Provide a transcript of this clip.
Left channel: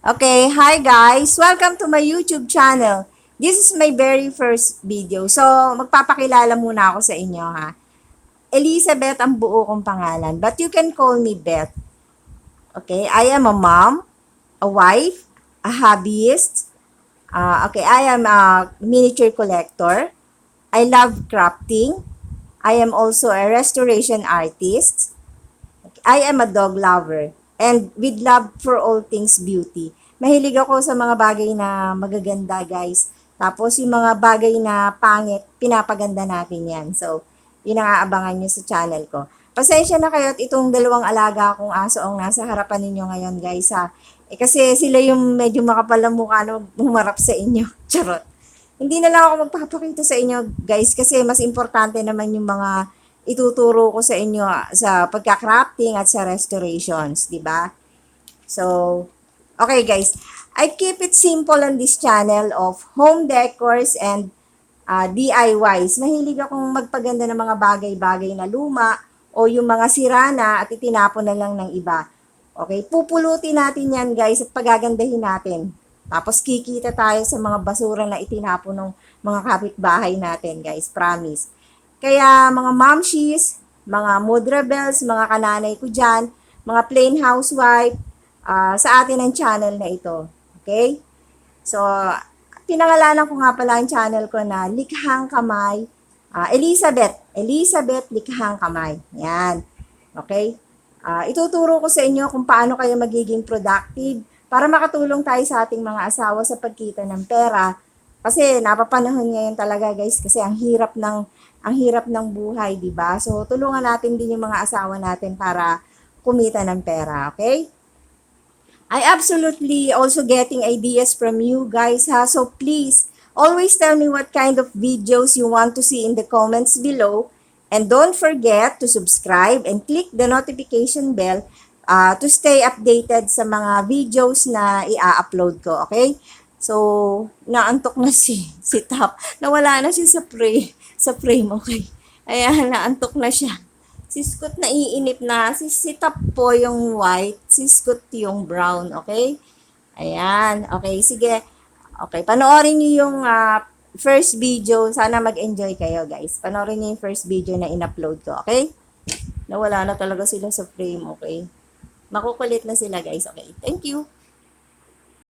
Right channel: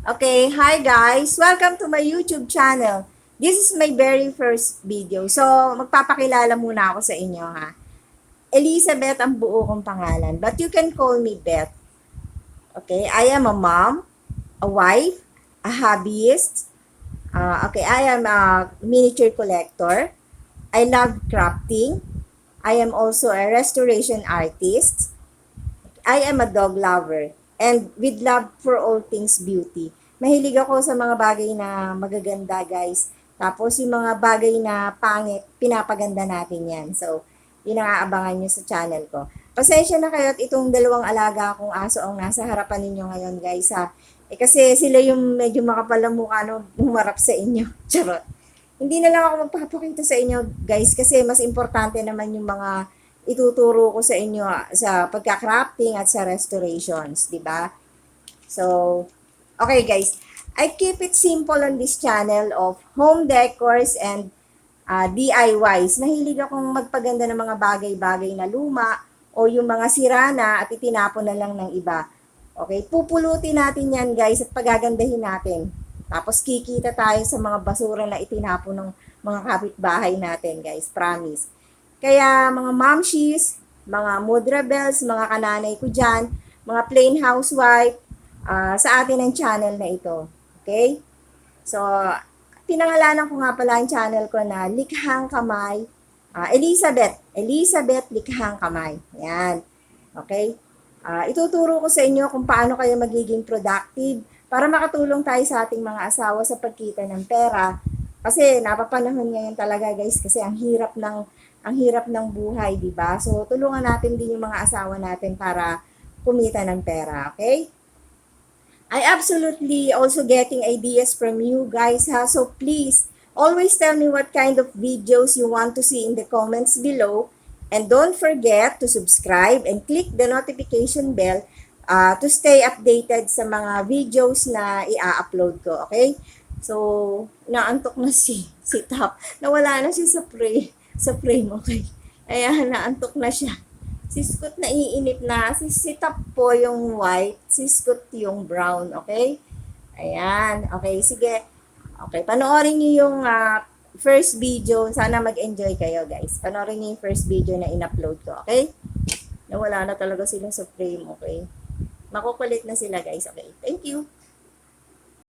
Okay, hi guys! Welcome to my YouTube channel. This is my very first video. So, magpapakilala muna ako sa inyo ha. Elizabeth ang buo kong pangalan, but you can call me Beth. Okay, I am a mom, a wife, a hobbyist. Okay, I am a miniature collector. I love crafting. I am also a restoration artist. I am a dog lover and with love for all things beauty. Mahilig ako sa mga bagay na magaganda, guys. Tapos yung mga bagay na pangit, pinapaganda natin yan. So, yun ang aabangan nyo sa channel ko. Pasensya na kayo at itong dalawang alaga kong aso ang nasa harapan ninyo ngayon, guys, ha. Kasi sila yung medyo makapal ang mukha no, humarap sa inyo. Charot. Hindi na lang ako magpapakita sa inyo, guys, kasi mas importante naman yung mga ituturo ko sa inyo sa pagka-crafting at sa restorations, di ba? So, okay guys, I keep it simple on this channel of home decors and DIYs. Mahilig akong magpaganda ng mga bagay-bagay na luma o yung mga sira na at itinapon na lang ng iba. Okay, pupulutin natin yan guys at pagagandahin natin. Tapos kikita tayo sa mga basura na itinapon ng mga kapitbahay natin guys, promise. Kaya mga momshies, mga mood rebels, mga kananay ko dyan, mga plain housewife, sa atin ang channel na ito. Okay? So, pinangalanan ko nga pala ang channel ko na Likhang Kamay, Elizabeth Likhang Kamay. Yan. Okay? Ituturo ko sa inyo kung paano kayo magiging productive para makatulong tayo sa ating mga asawa sa pagkita ng pera. Kasi napapanahon ngayon talaga guys kasi ang hirap ng buhay, 'di ba? So tulungan natin din yung mga asawa natin para kumita ng pera, okay? I absolutely also getting ideas from you guys ha. So please, always tell me what kind of videos you want to see in the comments below. And don't forget to subscribe and click the notification bell to stay updated sa mga videos na i-upload ko, okay? So, naantok na si Tap. Nawala na siya sa frame, okay? Ayan, naantok na siya. Si Scoot naiinip na. Si Tap po yung white, si Scoot yung brown, okay? Ayan, okay, sige. Okay, panoorin niyo yung first video. Sana mag-enjoy kayo, guys. Panoorin niyo yung first video na in-upload ko, okay? Nawala na talaga sila sa frame, okay? Makukulit na sila, guys. Okay, thank you.